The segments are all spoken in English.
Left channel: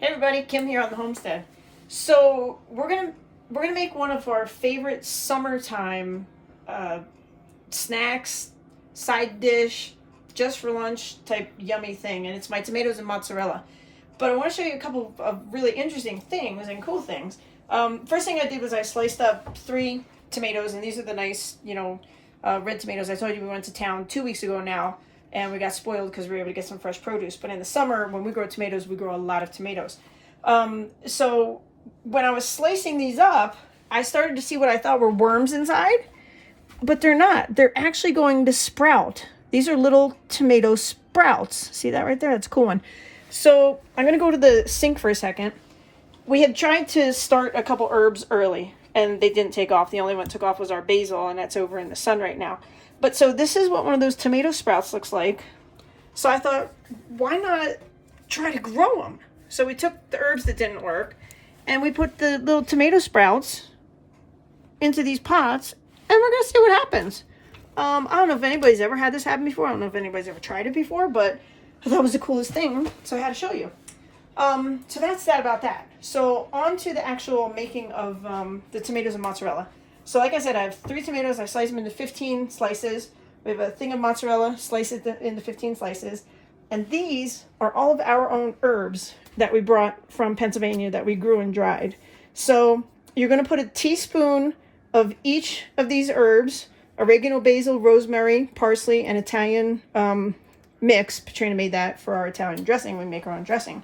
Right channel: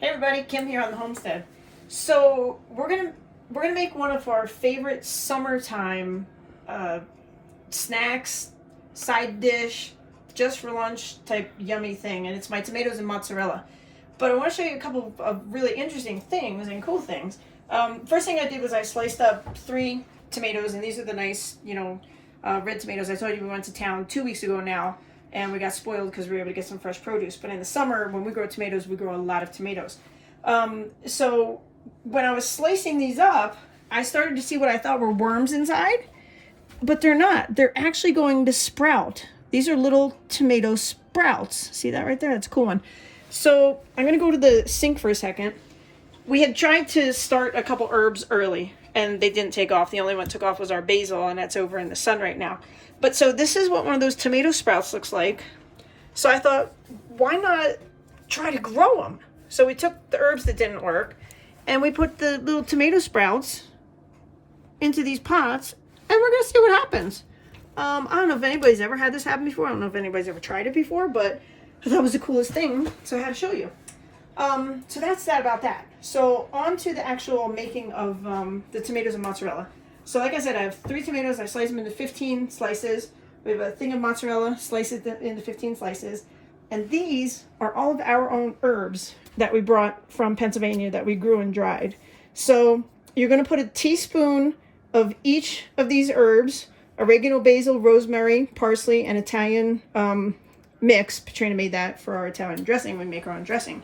Hey everybody, Kim here on the homestead. So we're gonna make one of our favorite summertime snacks, side dish, just for lunch type yummy thing, and it's my tomatoes and mozzarella. But I want to show you a couple of really interesting things and cool things. First thing I did was I sliced up 3 tomatoes, and these are the nice, red tomatoes. I told you we went to town 2 weeks ago now, and we got spoiled because we were able to get some fresh produce. But in the summer, when we grow tomatoes, we grow a lot of tomatoes. So when I was slicing these up, I started to see what I thought were worms inside, but they're not. They're actually going to sprout. These are little tomato sprouts. See that right there? That's a cool one. So I'm going to go to the sink for a second. We had tried to start a couple herbs early, and they didn't take off. The only one that took off was our basil, and that's over in the sun right now. But so this is what one of those tomato sprouts looks like. So I thought, why not try to grow them? So we took the herbs that didn't work, and we put the little tomato sprouts into these pots, and we're going to see what happens. I don't know if anybody's ever had this happen before. I don't know if anybody's ever tried it before, but I thought it was the coolest thing, so I had to show you. So that's that about that. So on to the actual making of the tomatoes and mozzarella. So like I said, I have 3 tomatoes. I slice them into 15 slices. We have a thing of mozzarella, slice it into 15 slices. And these are all of our own herbs that we brought from Pennsylvania that we grew and dried. So you're going to put a teaspoon of each of these herbs: oregano, basil, rosemary, parsley, and Italian mix. Katrina made that for our Italian dressing. We make our own dressing.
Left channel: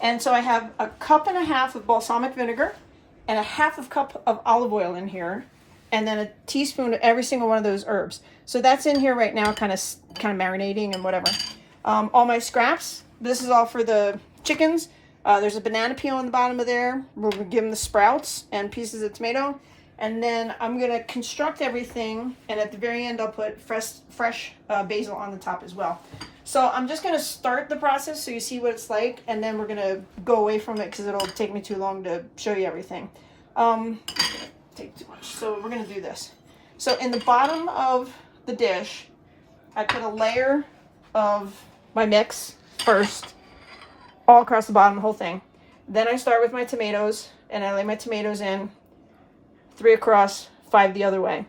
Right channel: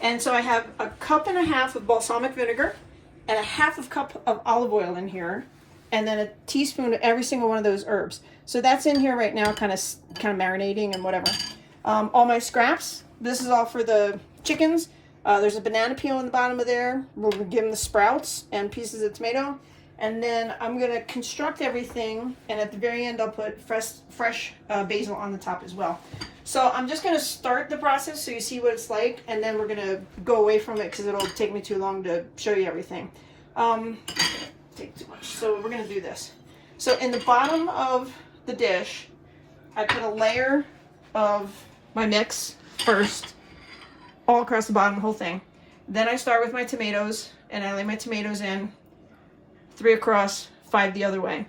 And so I have 1.5 cups of balsamic vinegar and 1/2 cup of olive oil in here, and then a teaspoon of every single one of those herbs. So that's in here right now, kind of marinating and whatever. All my scraps. This is all for the chickens. There's a banana peel on the bottom of there. We'll give them the sprouts and pieces of tomato. And then I'm going to construct everything, and at the very end I'll put fresh basil on the top as well. So I'm just going to start the process so you see what it's like, and then we're going to go away from it because it'll take me too long to show you everything. Take too much. So we're going to do this. So in the bottom of the dish, I put a layer of my mix first, all across the bottom, the whole thing. Then I start with my tomatoes, and I lay my tomatoes in, 3 across, 5 the other way.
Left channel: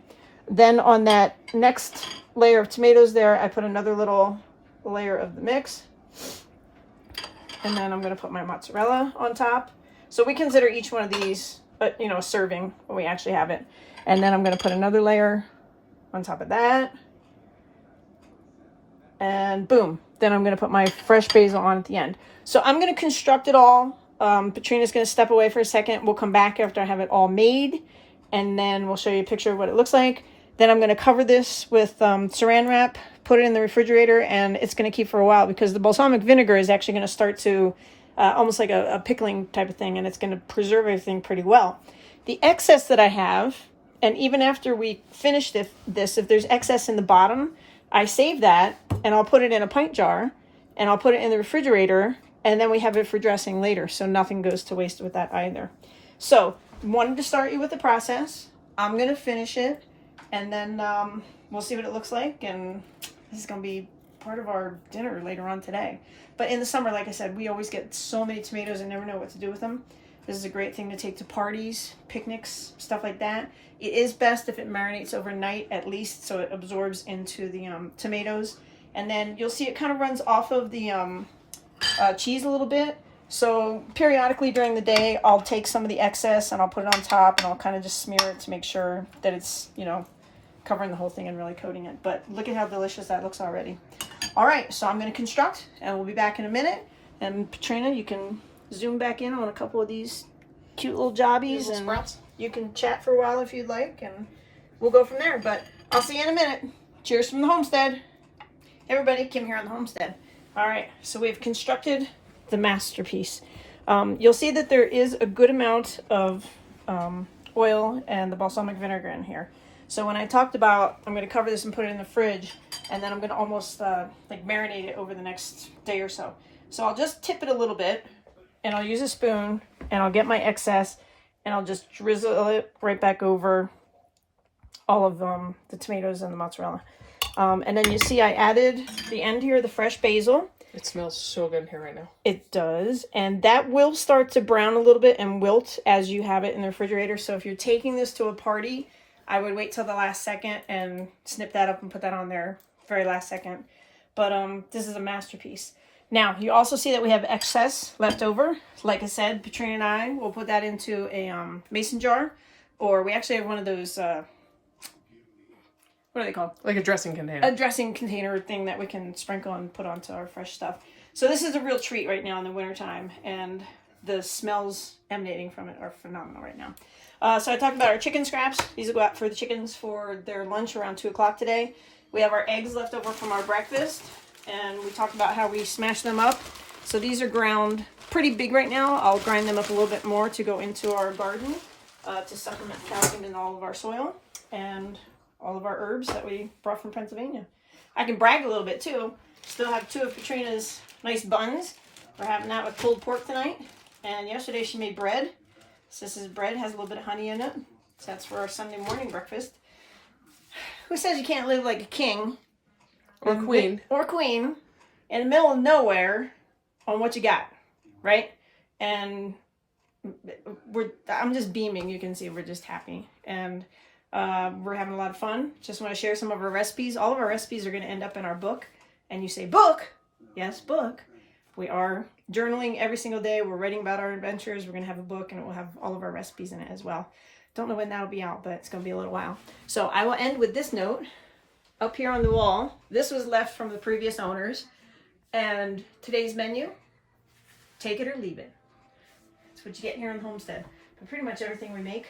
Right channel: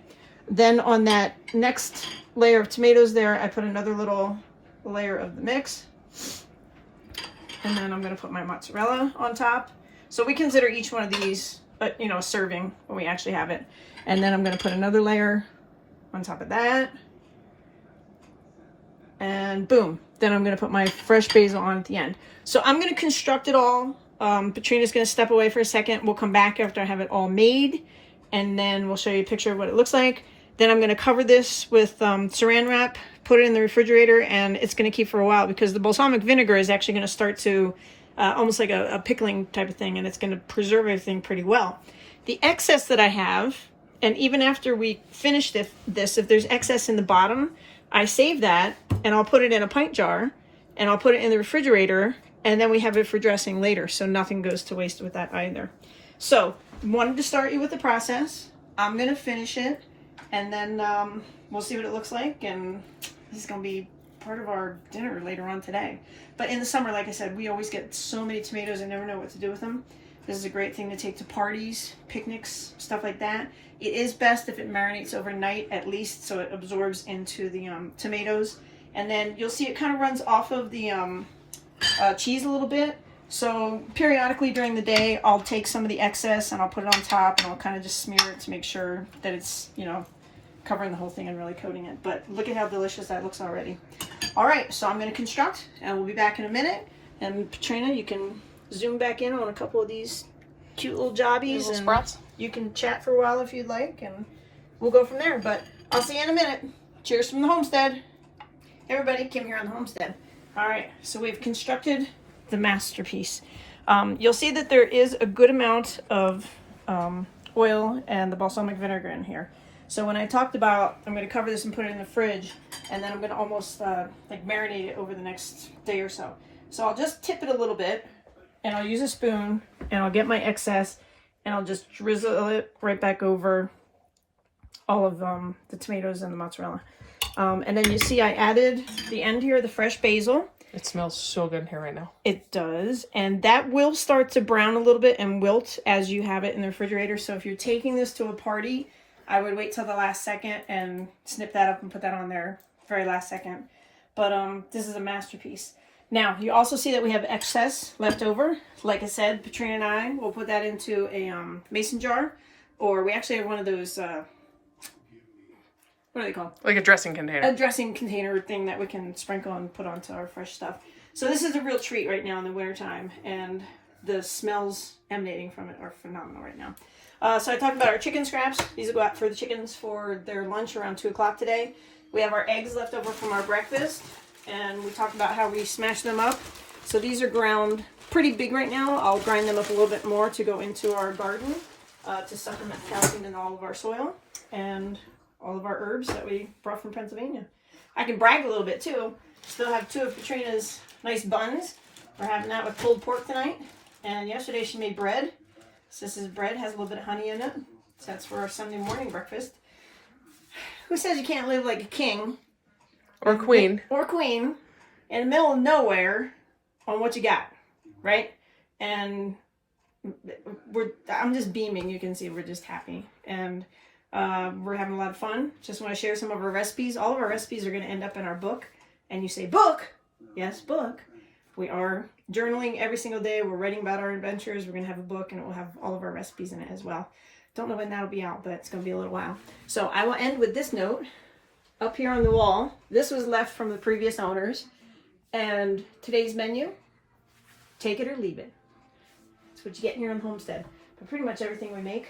Then on that next layer of tomatoes there, I put another little layer of the mix. And then I'm going to put my mozzarella on top. So we consider each one of these, a serving when we actually have it. And then I'm going to put another layer on top of that. And boom. Then I'm going to put my fresh basil on at the end. So I'm going to construct it all. Katrina's going to step away for a second. We'll come back after I have it all made, and then we'll show you a picture of what it looks like. Then I'm going to cover this with saran wrap, put it in the refrigerator, and it's going to keep for a while because the balsamic vinegar is actually going to start to almost like a pickling type of thing, and it's going to preserve everything pretty well. The excess that I have, and even after we finish this, if there's excess in the bottom, I save that, and I'll put it in a pint jar, and I'll put it in the refrigerator, and then we have it for dressing later, so nothing goes to waste with that either. So, wanted to start you with the process. I'm going to finish it, and then we'll see what it looks like, and this is going to be part of our dinner later on today. But in the summer, like I said, we always get so many tomatoes and never know what to do with them. This is a great thing to take to parties, picnics, stuff like that. It is best if it marinates overnight at least, so it absorbs into the tomatoes. And then you'll see it kind of runs off of the cheese a little bit. So periodically during the day, I'll take some of the excess and I'll put it on top, and I'll kind of just smear it to make sure that it's, covering the whole thing and really coating it. But look at how delicious that looks already. All right, so I'm going to construct, and we'll be back in a minute. And Katrina, you can zoom back in on a couple of these cute little jobbies, and sprouts. You can chat for a while if you'd like, and we'll go from there. But I'll see you in a minute. Cheers from the homestead. Hey everybody, Kim here on the homestead. All right, so we've constructed the masterpiece. You'll see that there is a good amount of oil and the balsamic vinegar in here. So when I talked about, I'm going to cover this and put it in the fridge, and then I'm going to almost like marinate it over the next day or so. So I'll just tip it a little bit, and I'll use a spoon, and I'll get my excess, and I'll just drizzle it right back over all of the tomatoes and the mozzarella. And then you see I added the end here, the fresh basil. It smells so good in here right now. It does. And that will start to brown a little bit and wilt as you have it in the refrigerator. So if you're taking this to a party, I would wait till the last second and snip that up and put that on there very last second. But this is a masterpiece. Now, you also see that we have excess left over. Like I said, Patrina and I will put that into a mason jar. Or we actually have one of those, what are they called? Like a dressing container. A dressing container thing that we can sprinkle and put onto our fresh stuff. So this is a real treat right now in the wintertime. And the smells emanating from it are phenomenal right now. So I talked about our chicken scraps. These will go out for the chickens for their lunch around 2 o'clock today. We have our eggs left over from our breakfast. And we talked about how we smash them up. So these are ground pretty big right now. I'll grind them up a little bit more to go into our garden to supplement calcium in all of our soil and all of our herbs that we brought from Pennsylvania. I can brag a little bit too. Still have 2 of Katrina's nice buns. We're having that with pulled pork tonight. And yesterday she made bread. So this is bread, has a little bit of honey in it. So that's for our Sunday morning breakfast. Who says you can't live like a king? Or queen. Or queen in the middle of nowhere on what you got, right? And I'm just beaming. You can see we're just happy. And we're having a lot of fun. Just want to share some of our recipes. All of our recipes are going to end up in our book. And you say, book? Yes, book. We are journaling every single day. We're writing about our adventures. We're going to have a book and it will have all of our recipes in it as well. Don't know when that'll be out, but it's going to be a little while. So I will end with this note. Up here on the wall, this was left from the previous owners. And today's menu, take it or leave it. That's what you get here on Homestead. But pretty much everything we make,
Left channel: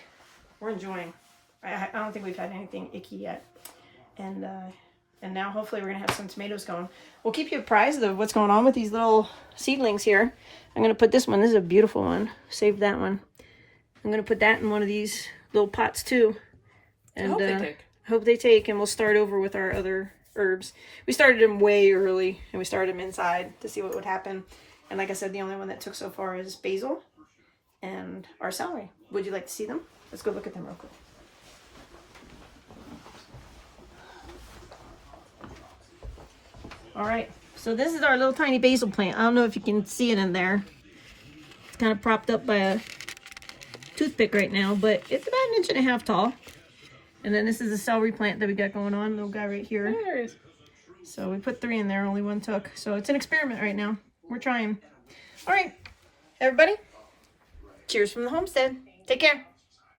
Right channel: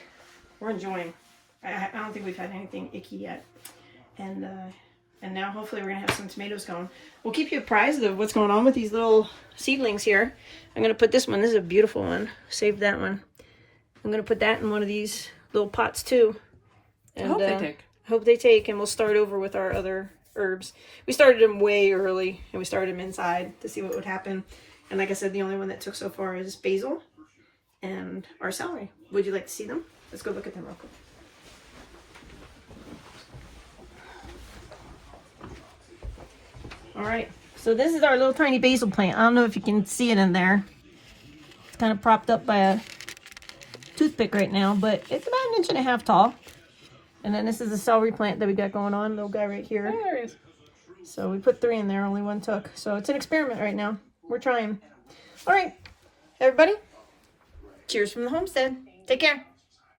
we're enjoying. I don't think we've had anything icky yet. And now hopefully we're going to have some tomatoes going. We'll keep you apprised of what's going on with these little seedlings here. I'm going to put this one. This is a beautiful one. Save that one. I'm going to put that in one of these little pots too. And, I hope they take. Hope they take, and we'll start over with our other herbs. We started them way early, and we started them inside to see what would happen. And like I said, the only one that took so far is basil and our celery. Would you like to see them? Let's go look at them real quick. All right, so this is our little tiny basil plant. I don't know if you can see it in there. It's kind of propped up by a toothpick right now, but it's about 1.5 inches tall. And then this is a celery plant that we got going on, little guy right here. There it is. So we put 3 in there, only 1 took. So it's an experiment right now. We're trying. All right, everybody. Cheers from the homestead. Take care.